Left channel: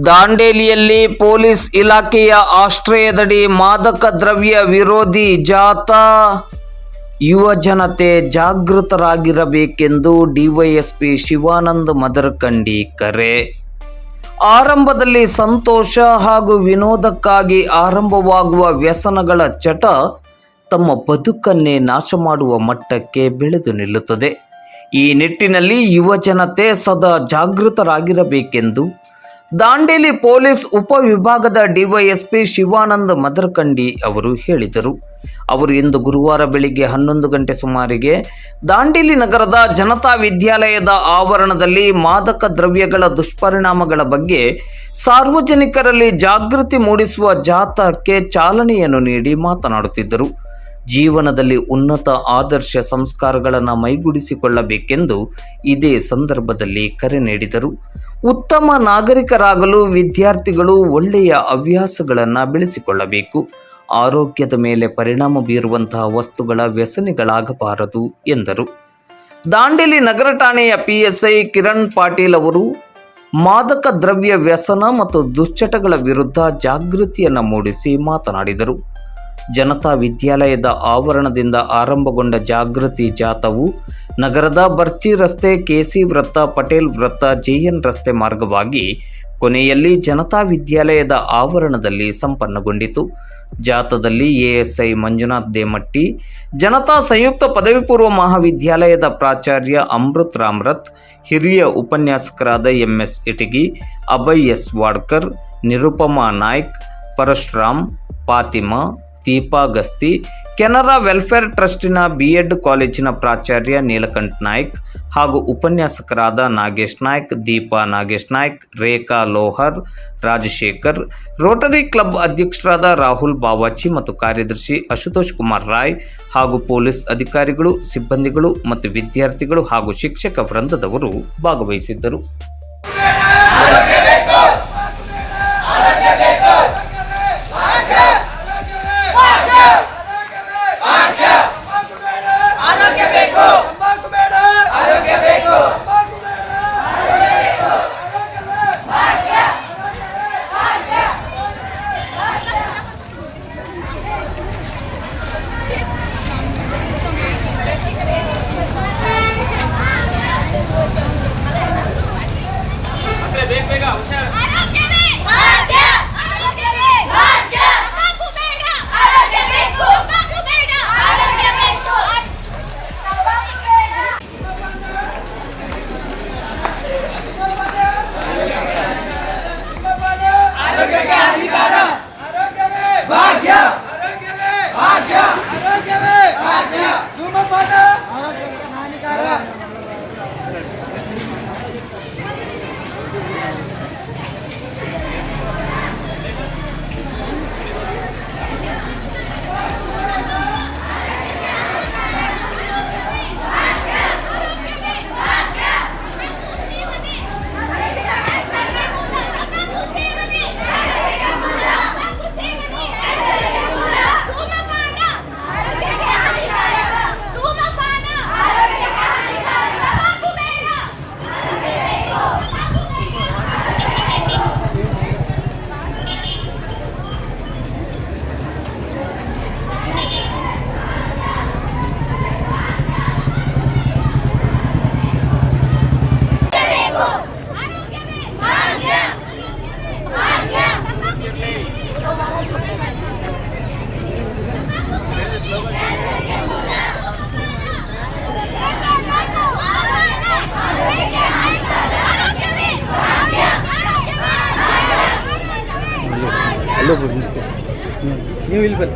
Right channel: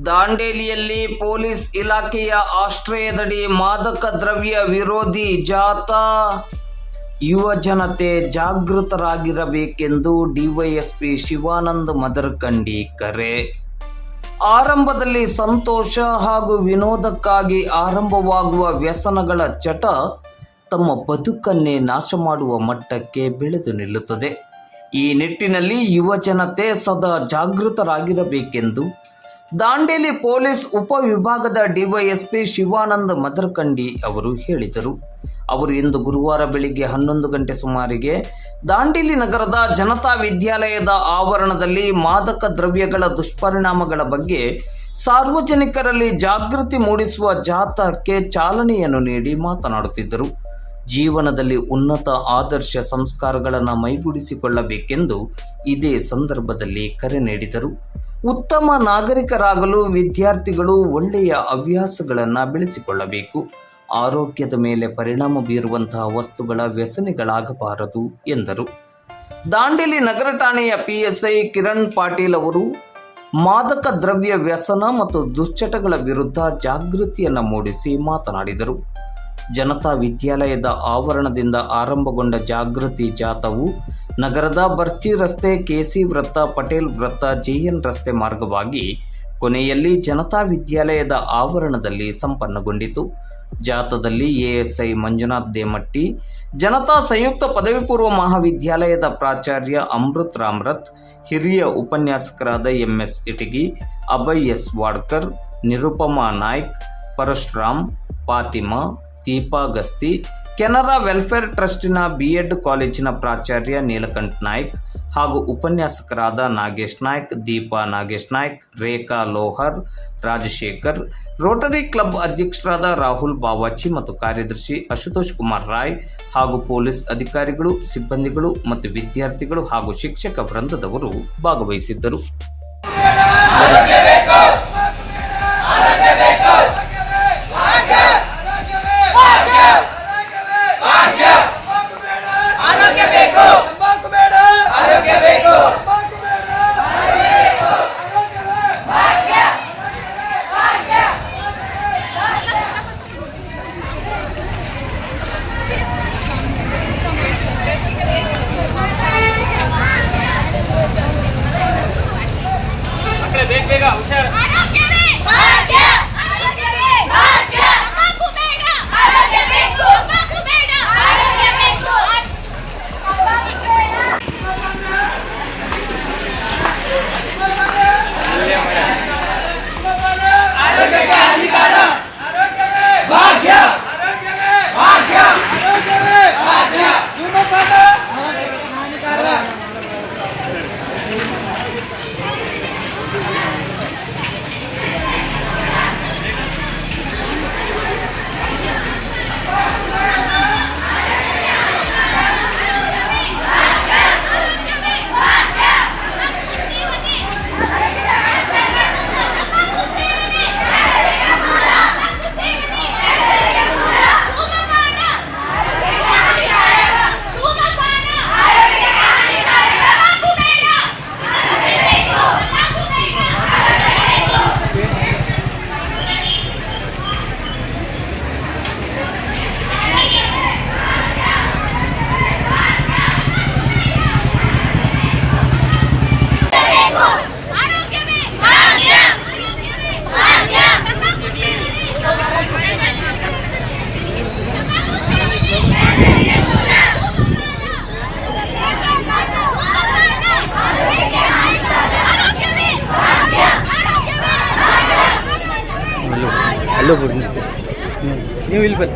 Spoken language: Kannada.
ದಾಂಡೇಲಿಯಲ್ಲಿ ಪೊಲೀಸ್ ಇಲಾಖೆಯ ಆಶ್ರಯದಡಿ ಮಾದಕ ದ್ರವ್ಯ ವಿರೋಧಿ ಜಾಥಾ ಯುವ ಜನತೆ ಜಾಗೃತರಾಗಿರಬೇಕೆಂದು ಡಿವೈಎಸ್ಪಿ ಶಿವಾನಂದ್ ಮದರ್ಕಂಡಿ ಕರೆ. ಆರಂಭದಲ್ಲಿ ಸಂತೋಷ ಹಾಗೂ ವಿನೋದಕ್ಕಾಗಿ ಆರಂಭವಾಗುವ ವ್ಯಸನಗಳ ಚಟ ತಮ್ಮ ಬದುಕನ್ನೇ ನಾಶ ಮಾಡುವ ಮಟ್ಟಕ್ಕೆ ಬೆಳೆದು ನಿಲ್ಲುತ್ತದೆ. ಈ ನಿಟ್ಟಿನಲ್ಲಿ ಯುವ ಜನತೆ ಸದಾ ಜಾಗೃತರಾಗಿರಬೇಕೆಂದು ದಾಂಡೇಲಿ ಪೊಲೀಸ್ ಉಪವಿಭಾಗದ ಡಿವೈಎಸ್ಪಿ ಶಿವಾನಂದ ಮದರ್ಕಂಡಿ ಅವರು ಹೇಳಿದರು. ಅವರು ಇಂದು ಗುರುವಾರ ಬೆಳಿಗ್ಗೆ ಹನ್ನೊಂದು ಗಂಟೆ ಸುಮಾರಿಗೆ ದಾಂಡೇಲಿ ನಗರದ ಜನತಾ ವಿದ್ಯಾಲಯದ ಆವರಣದಲ್ಲಿ ಮಾದಕ ದ್ರವ್ಯಗಳ ದುಷ್ಪರಿಣಾಮಗಳ ಬಗ್ಗೆ ಸಾರ್ವಜನಿಕರಲ್ಲಿ ಜಾಗೃತಿ ಮೂಡಿಸುವ ಜಾಥಾಕ್ಕೆ ಚಾಲನೆಯನ್ನು ನೀಡಿ ಮಾತನಾಡುತ್ತಿದ್ದರು. ಜೀವನದಲ್ಲಿ ಉನ್ನತ ಆದರ್ಶ ಸಂಸ್ಕಾರಗಳನ್ನು ಮೈಗೂಡಿಸಿಕೊಳ್ಳಬೇಕೆಂದು ಇದೇ ಸಂದರ್ಭದಲ್ಲಿ ಕರೆ ನೀಡಿದರು. ಉತ್ತಮ ನಾಗರಿಕರಾಗಲು ವಿದ್ಯಾರ್ಥಿಗಳು ಒಳ್ಳೆಯ ಹವ್ಯಾಸಗಳನ್ನು ಬೆಳೆಸಿಕೊಳ್ಳಬೇಕು. ಆರೋಗ್ಯದ ಮೇಲೆ ಪರಿಣಾಮ ಬೀರುವಂತಹ ವಸ್ತುಗಳ ವ್ಯಸನಿಗಳಾಗಬಾರದು, ಎಂದರು. ದಾಂಡೇಲಿ ನಗರ ಠಾಣೆಯ ಪಿಎಸ್ಐ ಕಿರಣ್ ಪಾಟೀಲ್ ಅವರು, ಮಾದಕ ದ್ರವ್ಯ ವ್ಯಸನ ಮತ್ತು ದುಶ್ಚಟಗಳ ವಿರುದ್ಧ ಜಾಗೃತಿಯನ್ನು ಮೂಡಿಸಿ ಮಾತನಾಡಿದರು. ಜನತಾ ವಿದ್ಯಾಲಯದ ಆವರಣದಿಂದ ಆರಂಭಗೊಂಡ ಜಾಗೃತಿ ಜಾಥಾವು ನಗರದ ಬರ್ಚಿ ರಸ್ತೆ ಕೆಸಿ ವೃತ್ತ, ಪಟೇಲ್ ವೃತ್ತ, ಜೆಎನ್ ರಸ್ತೆ ಮಾರ್ಗವಾಗಿ ಕೊನೆಯಲ್ಲಿ ಜನತಾ ವಿದ್ಯಾಲಯದ ಆವರಣದಲ್ಲಿ ಸಂಪನ್ನಗೊಂಡಿತು. ಜಾಥಾದಲ್ಲಿ ಎಎಸ್ಐ ಮಂಜುನಾಥ್ ದೇಮಟ್ಟಿ, ಜನತಾ ಸಂಯುಕ್ತ ಪದವಿ ಪೂರ್ವ ಮಹಾವಿದ್ಯಾಲಯದ ಪ್ರಾಚಾರ್ಯ ಅಮೃತ್ ರಾಮ್ರಥ್, ಹಿರಿಯ ಉಪನ್ಯಾಸಕರಾದ MS Itagi, Abhay S. Wadkar, Nirupama Naik, Parashuram Fatima Deepa Gasti Canara welfare ಟ್ರಸ್ಟಿನ B Ed ಕಾಲೇಜಿನ ಪ್ರಾಚಾರ್ಯ ನೀಲಕಂಠ ನಾಯ್ಕ್ ಹಾಗೂ ಉಪನ್ಯಾಸಕರಾದ ನಾಗೇಶ್ ನಾಯ್ಕ್, ದೀಪಾ ನಾಗೇಶ್ ನಾಯ್ಕ್, ರೇಖಾ ಲೋಹರ್, ರಾಜಶೇಖರ್, ರೋಟರಿ ಕ್ಲಬ್ ಅಧ್ಯಕ್ಷರಾದ ರಾಹುಲ್ ಬಾವಾಚಿ ಮತ್ತು ಕಾರ್ಯದರ್ಶಿ ಅಶುತೋಷ್ ಕುಮಾರ್ ರಾಯ್ ಹಾಗೂ ಪೊಲೀಸ್ ಅಧಿಕಾರಿಗಳು, ಸಿಬ್ಬಂದಿಗಳು ಮತ್ತು ವಿದ್ಯಾರ್ಥಿಗಳು ಹಾಗೂ ಶಿಕ್ಷಕ ವೃಂದದವರು ಭಾಗವಹಿಸಿದ್ದರು. देखेगा कोल्हापूर मी होईल पण